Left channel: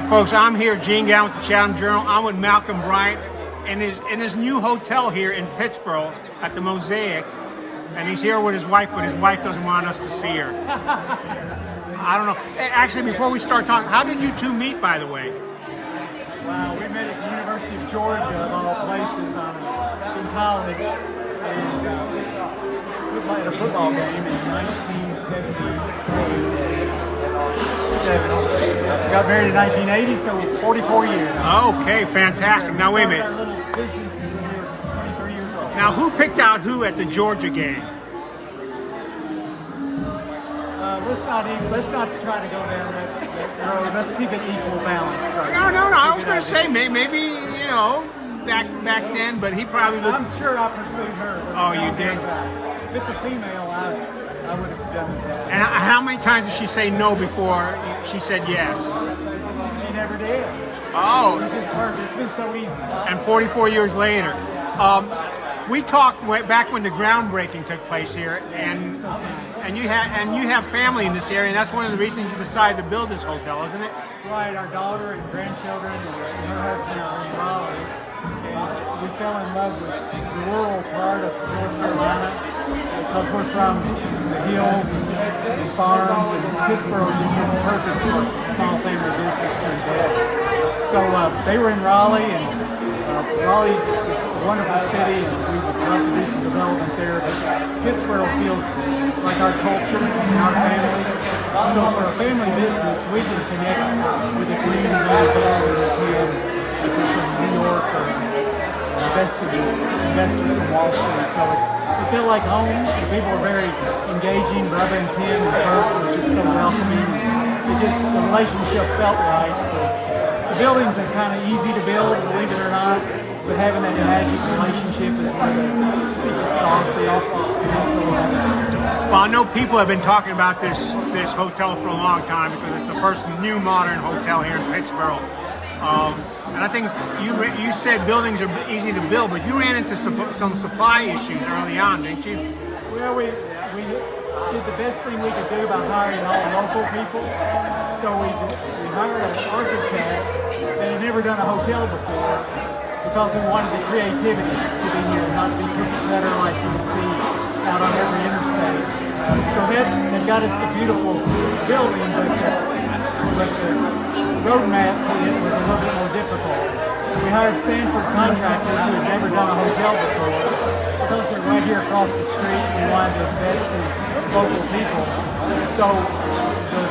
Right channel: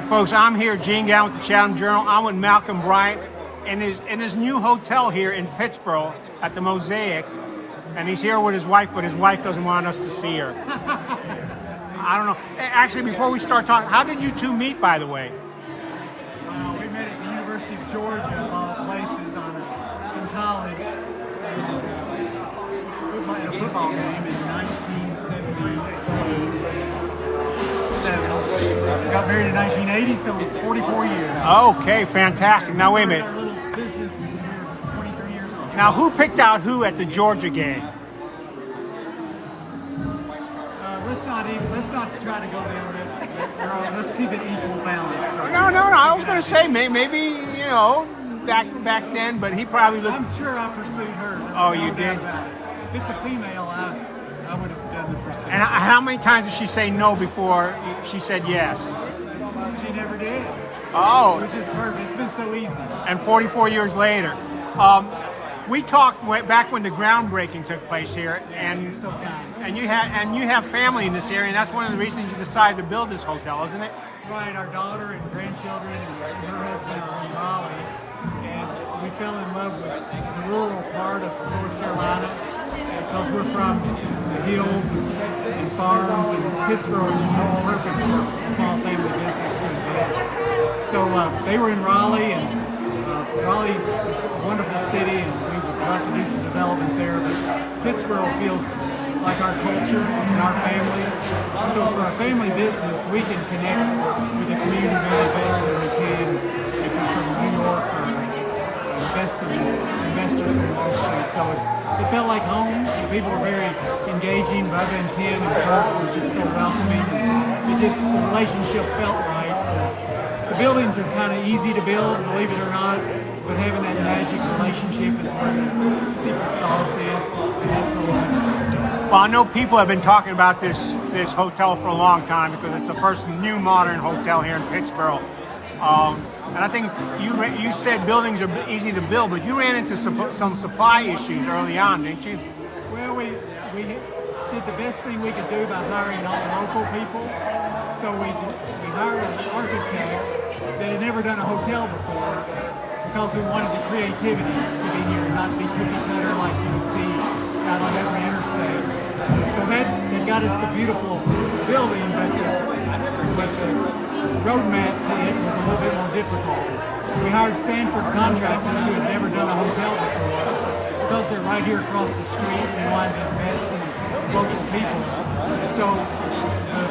right, folks, I'm here, Gene Galin with the Chatham Journal. I'm with Malcolm Bryant in his new hotel here in Pittsboro at the Mosaic. And he's here with his wife, but his wife doesn't want us to see her. I don't know. Actually, before we start talking, how did you two meet, by the way? We met at the University of Georgia, of all places, in college. And we played a football game in 1978. Got married in 1980, so 44 years. Okay, fantastic. Now, wait a minute. Our little business is here, 23 years old. Now, who picked out who at the Georgia game? Let's not try to go down that road. Let's keep it equal balance. Right? No. I was going to say maybe back then, but he probably looked. I'm sure I pursued her. Oh, you did? If it's a female, I would have done the pursuit. And how many times did she say no before she said yes? She never did. Oh. It was just perfect. It's been so easy. And 44 years later. We talked back when the groundbreaking took place here, and so kind. you have family in this area, and that's one of the reasons you decided to build this hotel, isn't it? Right. Our daughter and grandchildren and her husband are in Raleigh, and we fell in love with the rural part of North Carolina because we're from the hills and farms, and Pittsboro just looked perfect for a small family business to invest. So they were in Raleigh, and Raleigh is a wonderful city, and we would love to do some development there, but Pittsboro feels like our culture and our family. So for a family business, we can connect with the community much better than we can if you're from New York or investors from Wall Street. So it felt like home. The people were very engaging. Bubba and Tim and Kurt were just so welcoming. And the relationship felt right. The buildings are kind of easy to build, believe it or not, but having that magic relationship is where the secret sauce is, and that's what we like. Well, I know people have been talking about this hotel for a long time because it's the first new modern hotel here in Pittsboro. And I think you said buildings are easy to build, but you ran into some supply issues early on, didn't you? Well, we did the best thing we could do by hiring all local people. So we hired an architect that had never done a hotel before because we wanted the creativity to be here, not be cookie cutter like you would see out on every interstate. So that got us the beautiful building, but the roadmap to it was a little bit more difficult. We hired Stanford contractors who had never done a hotel before. Because they're right here across the street, we wanted to invest in local people. So the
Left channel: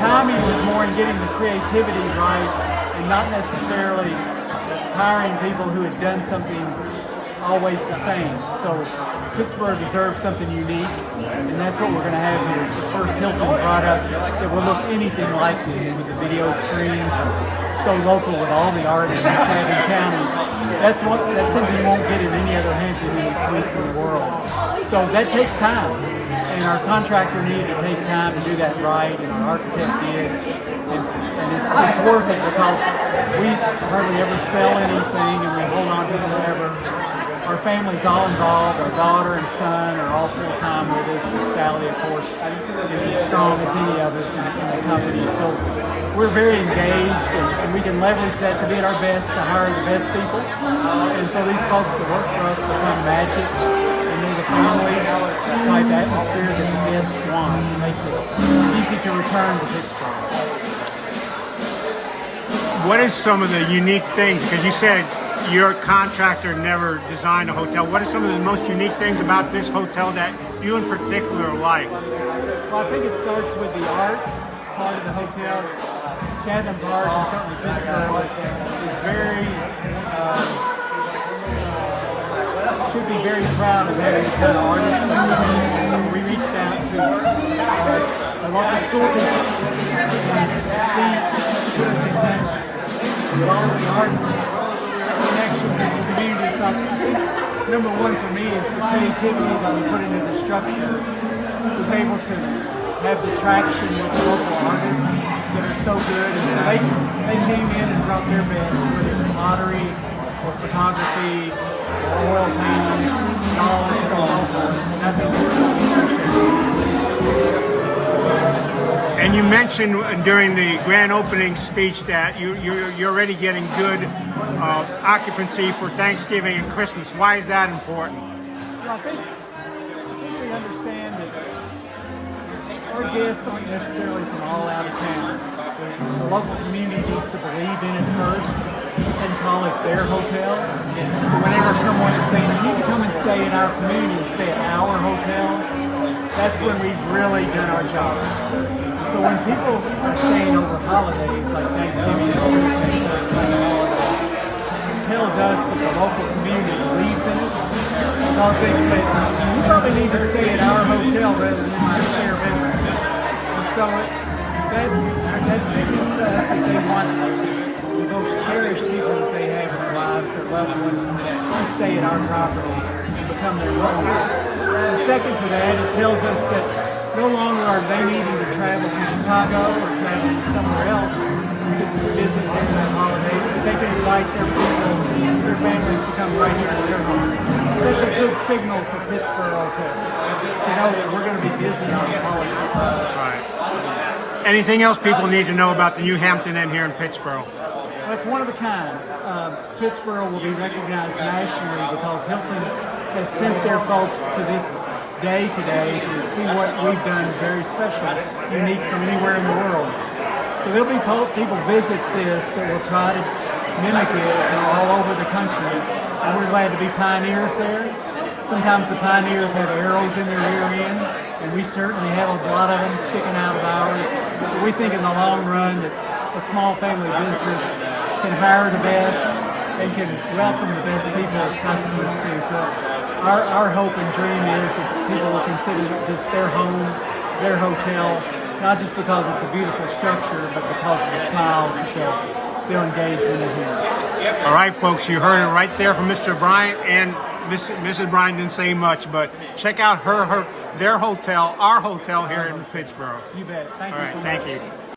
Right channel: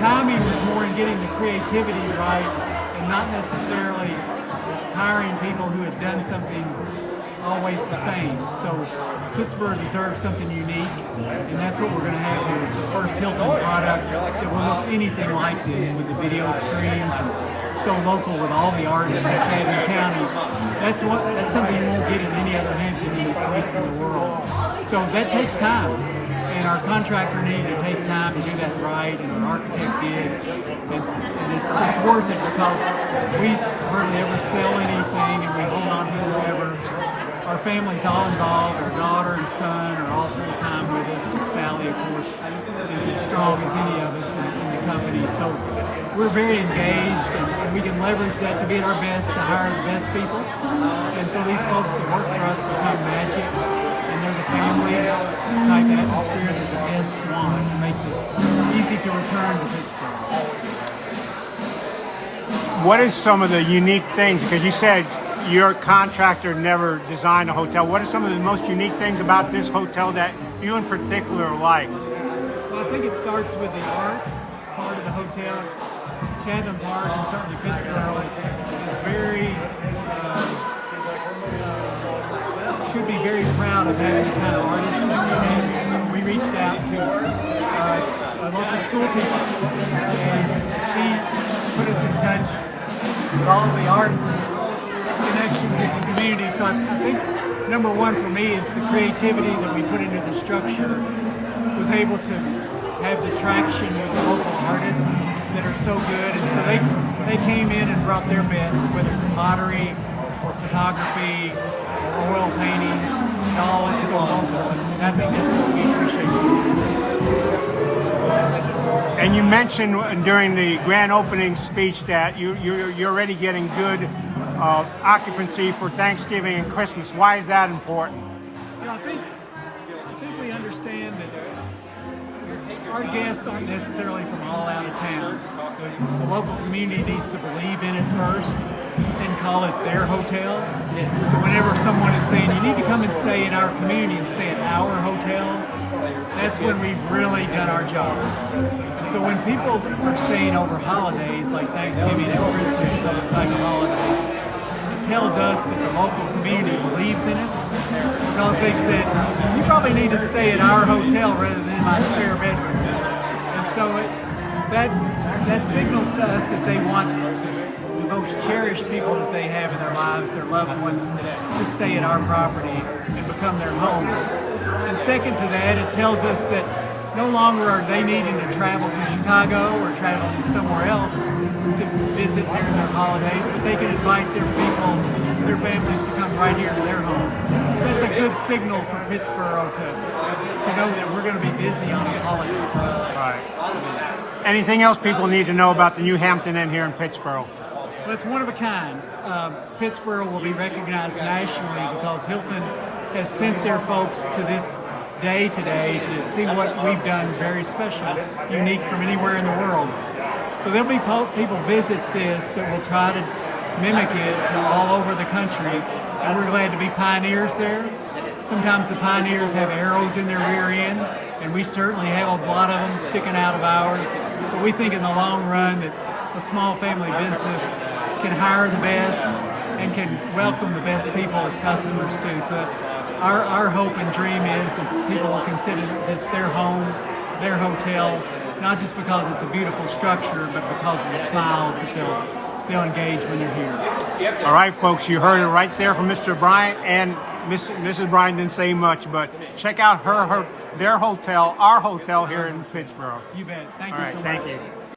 timing was more in getting the creativity right and not necessarily hiring people who had done something always the same. So Pittsboro deserves something unique, and that's what we're going to have here. It's the first Hilton product that will look anything like this with the video screens, so local with all the artists in Chatham County. That's something you won't get in any other Hampton Inn suites in the world. So that takes time, and our contractor needed to take time to do that right, and our architect did. And it's worth it because we hardly ever sell anything, and we hold on to it forever. Our family's all involved. Our daughter and son are all full-time with us, and Sally, of course, is as strong as any of us in the company. So we're very engaged, and we can leverage that to be at our best, to hire the best people. And so these folks that work for us become magic, and they're the family-type atmosphere that the guests want. It makes it easy to return to Pittsboro. What is some of the unique things? Because you said your contractor never designed a hotel. What are some of the most unique things about this hotel that you in particular like? Well, I think it starts with the art part of the hotel. Chatham Park and certainly Pittsboro is very, should be very proud of having the kind of artists that we have. So we reached out to a local school teacher, and she put us in touch with all of the art connections in the community. So I think number one for me is the creativity that we put into the structure was able to have the traction with the local artists that are so good, and so they came in and brought their best, whether it's pottery or photography or oil paintings. It all is so local, and I think that's what we appreciate. And you mentioned during the grand opening speech that you're already getting good occupancy for Thanksgiving and Christmas. Why is that important? I think we understand that our guests aren't necessarily from all out of town. The local community needs to believe in it first and call it their hotel. So whenever someone is saying, you need to come and stay in our community and stay at our hotel, that's when we've really done our job. And so when people are staying over holidays like Thanksgiving and Christmas, those type of holidays, it tells us that the local community believes in us, because they've said, you probably need to stay at our hotel rather than my spare bedroom. And so that signals to us that they want the most cherished people that they have in their lives, their loved ones, to stay at our property and become their home. And second to that, it tells us that no longer are they needing to travel to Chicago or traveling somewhere else to visit during their holidays, but they can invite their people, their families, to come right here to their home. So that's a good signal for Pittsboro to know that we're going to be busy on the holiday. All right. Anything else people need to know about the new Hampton Inn here in Pittsboro? Well, it's one of a kind. Pittsboro will be recognized nationally because Hilton has sent their folks to this day today to see what we've done very special, unique from anywhere in the world. So there'll be people visit this that will try to mimic it to all over the country, and we're glad to be pioneers there. Sometimes the pioneers have arrows in their rear end, and we certainly have a lot of them sticking out of ours, but we think in the long run that a small family business can hire the best and can welcome the best people as customers too. So our hope and dream is that people will consider this their home, their hotel, not just because it's a beautiful structure, but because of the smiles that they'll engage when they're here. All right, folks, you heard it right there from Mr. Bryant, and Mrs. Bryant didn't say much, but check out their hotel, our hotel here in Pittsboro. You bet. Thank you so much. All right, thank you.